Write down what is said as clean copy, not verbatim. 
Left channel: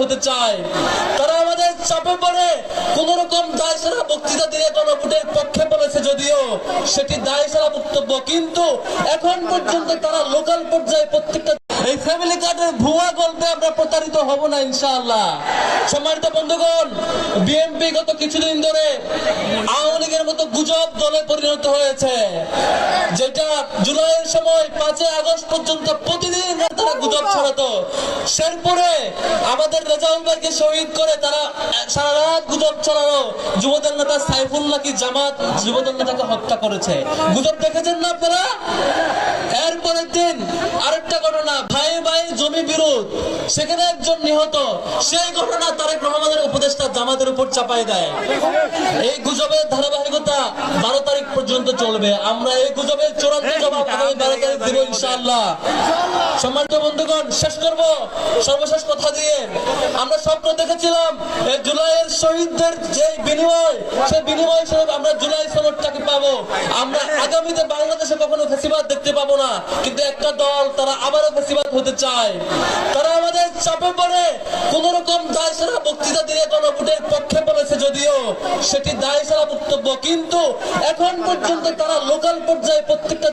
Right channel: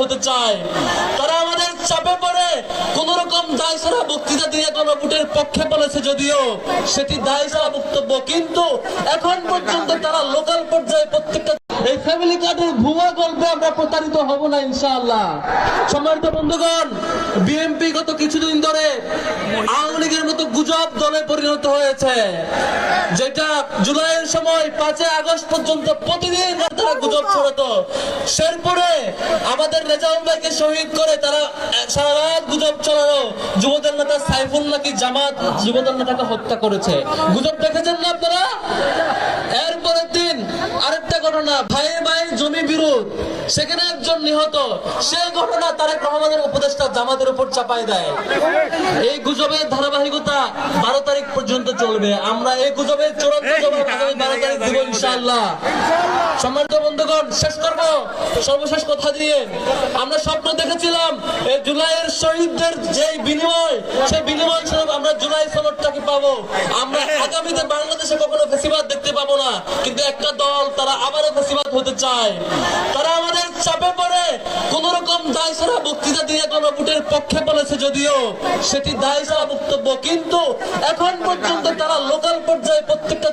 হতে চায়। তারা আমাদের চাপে পড়ে কোন রকম দায় ছাড়া বক্তৃতা দিয়ে গণভোটের পক্ষে বলেছে, যদিও সেটি দায় ছাড়া বক্তব্য, কিন্তু এখন পর্যন্ত তারা লোকাল পর্যায়ে প্রত্যেকটা এই ফ্যামিলি কার্ডের ভুয়া গল্পে আমরা প্রতারিত হব না ইনশাআল্লাহ। সম্মানিত বন্ধুগণ, বিএনপি গত কিছুদিন ধরে আওয়ামী লীগের মতো গুজব দলে পরিণত হয়েছে, যেটা জুলাইয়ের সময় 5 আগস্ট পর্যন্ত প্রতিদিন তারা গুজব ছড়াতো। শেরপুরে আমাদের রেজাউল ভাইকে শহীদ করে তারা সারা রাত গুজব ছড়ানো, যুবদল নেতা সাইফুল নাকি জামাত যুবদল নেতাকে হত্যা করেছে। গুজব দেখেছেন না আপনারা? এরপরের দিন আরেকটা ঘটনা, ভাই ভাই জমি বিরোধ, সেখানে একজন নিহত। সেই ঘটনা তারেক রহমানের উপদেষ্টা জামাতের উপর চাপাই দেয়। এই গুজবের ধারাবাহিকতা 12 তারিখ পর্যন্ত চলবে। আমরা এই গুজবের চূড়ান্ত জবাব 12 তারিখ দেব ইনশাআল্লাহ। সম্মানিত বন্ধুগণ, শেষ করব সর্বশেষ কথা দিয়ে। আমরা স্বপ্ন দেখেছিলাম এই জুলাইয়ের শহীদদের যে বিনিময়, সেই বিনিময় স্বরূপ আমরা জুলাই সনদটাকে পাবো। আমরা আগামীতে বাংলাদেশে কখনো ফ্যাসিবাদ দেখতে পাবো না, কিন্তু একটা দল তারা আবারও ফ্যাসিবাদ হতে চায়। তারা আমাদের চাপে পড়ে কোন রকম দায় ছাড়া বক্তৃতা দিয়ে গণভোটের পক্ষে বলেছে, যদিও সেটি দায় ছাড়া বক্তব্য, কিন্তু এখন পর্যন্ত তারা লোকাল পর্যায়ে প্রত্যেকটা